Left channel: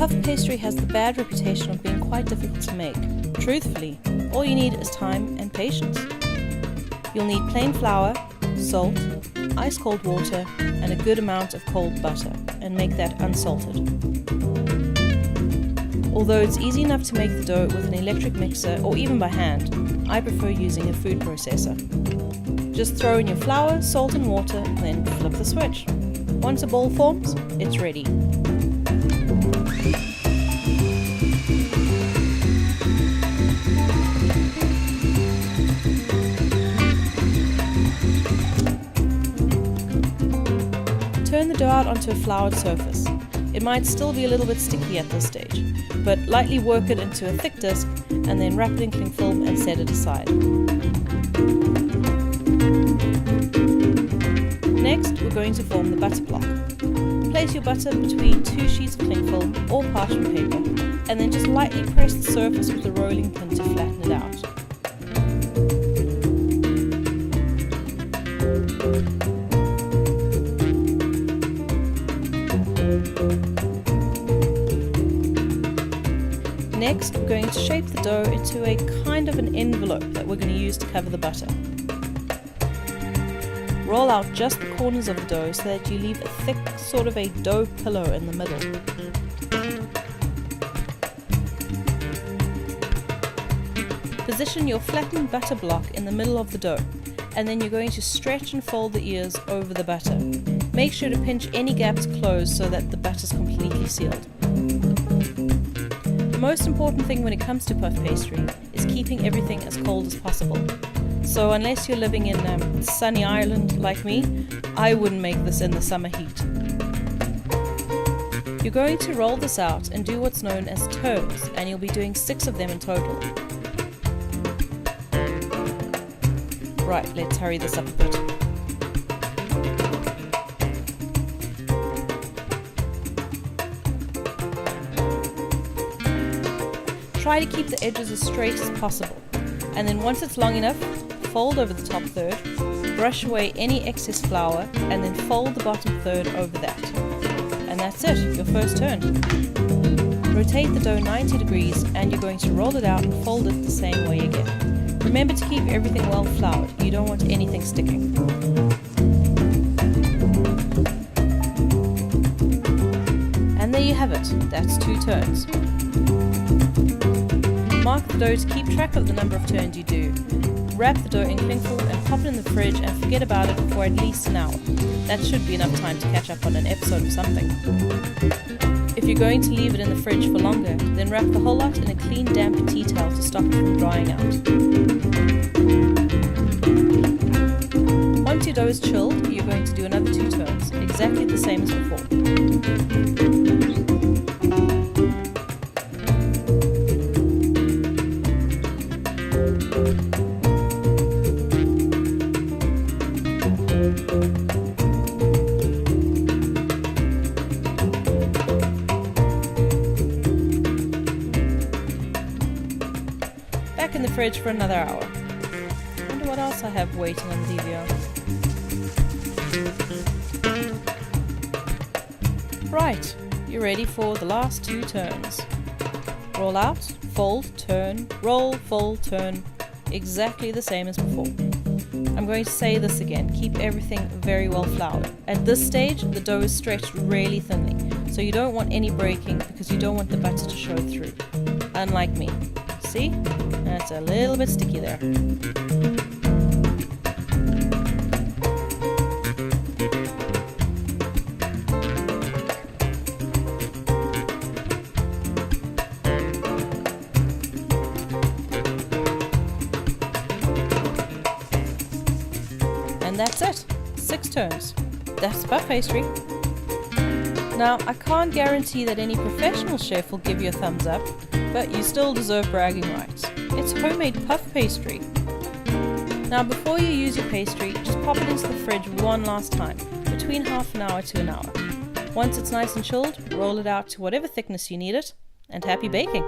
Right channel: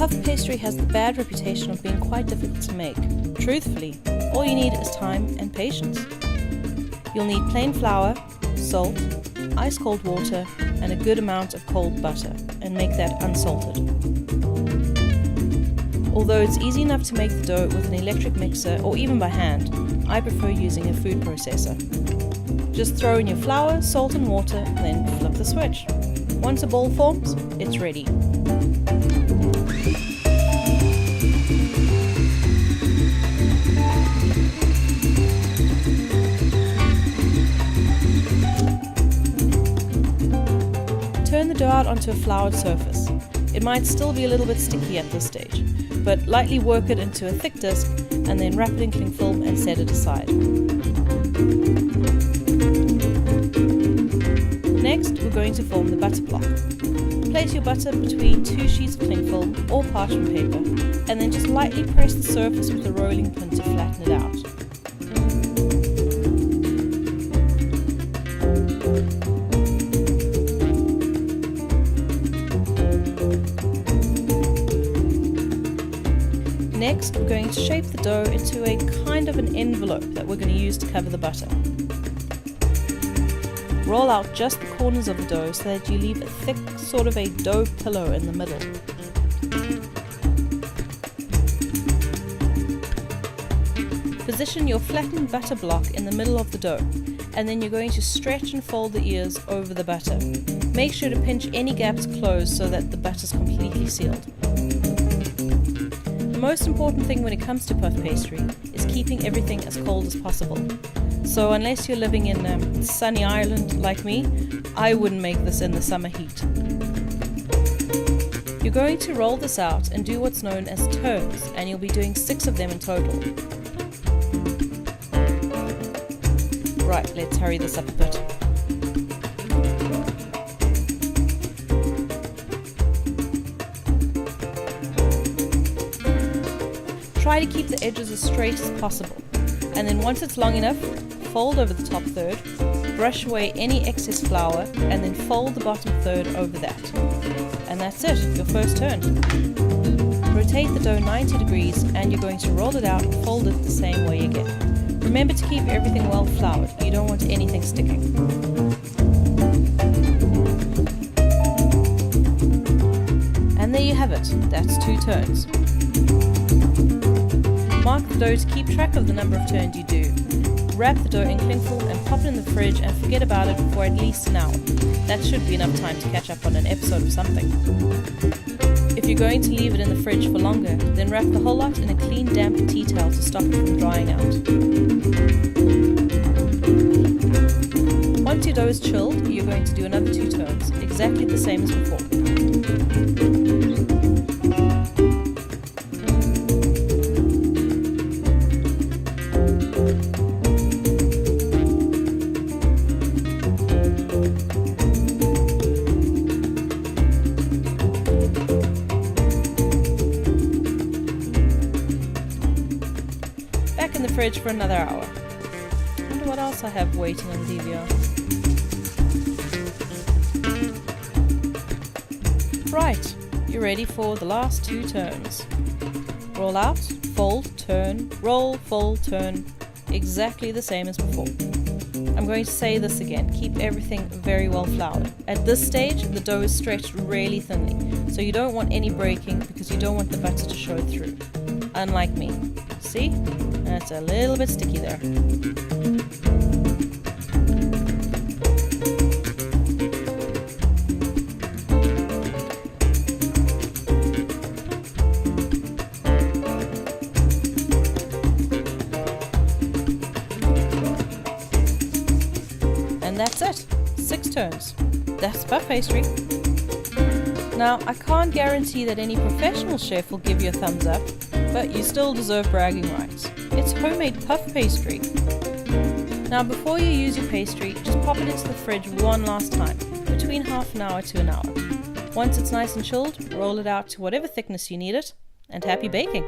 Puff pastry has the bad reputation of being quite difficult to make. Truthfully, all you need is time and patience. You'll need plain flour, salt, ice cold water, and a good amount of cold butter, and make that unsalted. Although it's easy enough to make the dough with an electric mixer or even by hand, I prefer using a food processor. Just throw in your flour, salt and water, then flip the switch. Once a ball forms, it's ready. Turn the dough out onto a floured surface. It might still be a little bit sticky at this stage, but lightly work it into a thick disc and then wrap it in cling film and set it aside. Next, we're going to form the butter block. Place your butter between 2 sheets of cling film or parchment paper and then just lightly press the surface with a rolling pin to flatten it out. Next, we're going to shape the dough into a kind of an envelope that we're going to use to cover the butter. Roll out just the corners of the dough so that you leave a thick sort of a dough pillow in the middle. Position your flattened butter block in the middle of the dough, and then you're going to stretch and fold the ears over the butter. Make sure to pinch any gaps closed so that the butter is completely sealed. The most important thing when it comes to puff pastry is keeping everything as cold as possible. So unless you're living in sunny Ireland like me, I wouldn't make this in the summer heat. You're going to roll this out and do what's known as turns, and you'll be doing 6 of them in total. Right, let's hurry this up a bit. Try to keep the edges as straight as possible, and then once it's long enough, fold over the top third, brush away any excess flour, and then fold the bottom third over that. And that's it, your first turn. Rotate the dough 90 degrees and you're going to roll it out and fold it the same way again. Remember to keep everything well floured, you don't want anything sticking. And there you have it, that's 2 turns. Mark the dough to keep track of the number of turns you do. Wrap the dough in cling film and pop it in the fridge and forget about it for at least an hour. That should be enough time to catch up on an episode of something. If you're going to leave it in the fridge for longer, then wrap the whole lot in a clean damp tea towel to stop it from drying out. Once your dough is chilled, you're going to do another 2 turns, exactly the same as before. Back in the fridge for another hour. Wonder what else I have waiting on the DVR. Right, you're ready for the last 2 turns. Roll out, fold, turn, roll, fold, turn. Exactly the same as before. I'm going to say this again, keep everything very well floured. At this stage, the dough is stretched really thinly, so you don't want any breaking because you don't want the butter to show through. Unlike me. See? That's a little bit sticky there. And that's it. 6 turns. That's puff pastry. Now, I can't guarantee that any professional chef will give you a thumbs up, but you still deserve bragging rights. It's homemade puff pastry. Now before you use your pastry, just pop it into the fridge one last time, between half an hour to an hour. Once it's nice and chilled, roll it out to whatever thickness you need it, and happy baking!